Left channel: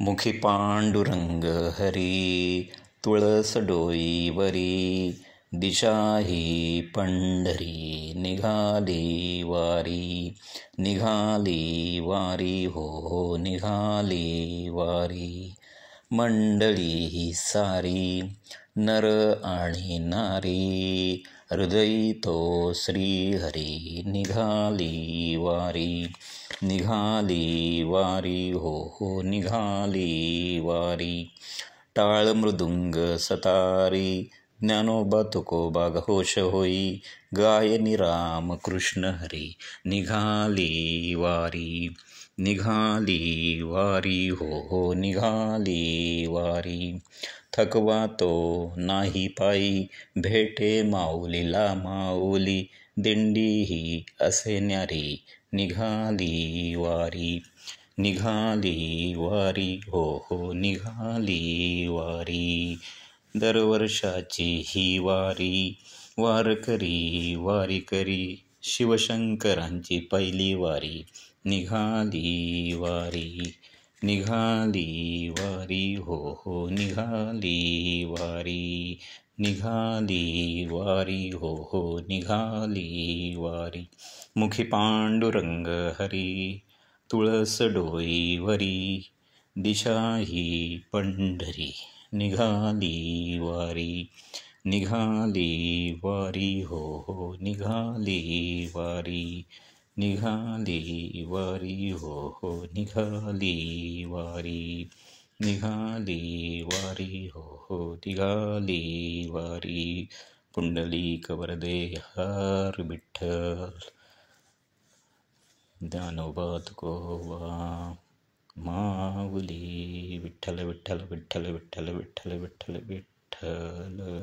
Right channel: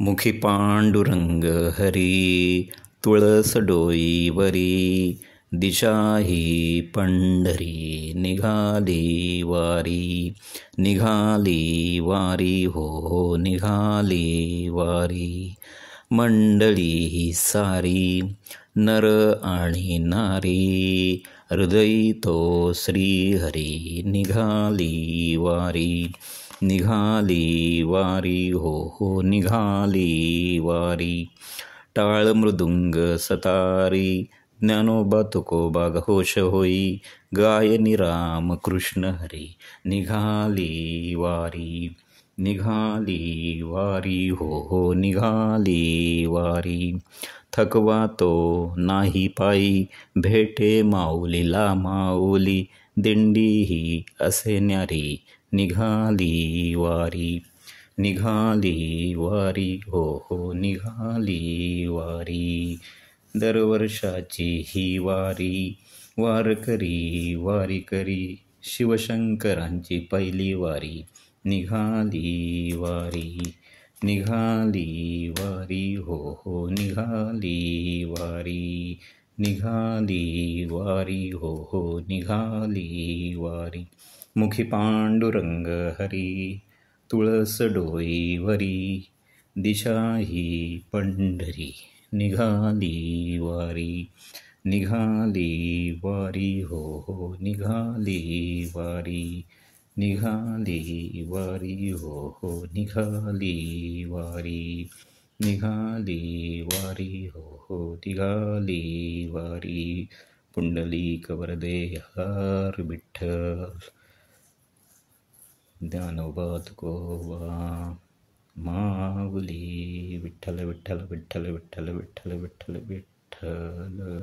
मुखी पांडुरंग हरी, तुळस डोईवरी, दिशाही पंढरी, निघाली वारी. निघाली वारी हो निघाली वारी. मंडळी ही सारी नर आणि नारी, हृदयी तो श्रीहरी. निघाली वारी. निघाली वारी हो निघाली वारी. टाळ मृदुंग सतारी, ज्ञानोबा तुकोबा घोष होई, गायनी राम कृष्ण हरी. निघाली वारी. निघाली वारी हो निघाली वारी. थकवा तो नाही पायी, भेटे माऊलीला माऊली, दिंडी ही असे न्यारी. निघाली वारी. निघाली वारी हो निघाली वारी. दरवर्षाची ही वारी, वारकरी वारीकरी, शिवशंकरांची पहिली वारी. निघाली वारी. निघाली वारी हो निघाली वारी. निघाली वारी हो निघाली वारी. मुखी पांडुरंग हरी, तुळस डोईवरी, दिशाही पंढरी. निघाली वारी. निघाली वारी हो निघाली वारी. निघाली वारी हो निघाली वारी. निघाली वारी हो निघाली वारी. पुंडलिक वरदे हर विठ्ठल. ज्ञानोबा तुकोबा माऊली. विठ्ठल विठ्ठल विठ्ठल विठ्ठल विठ्ठल विठ्ठल विठ्ठल.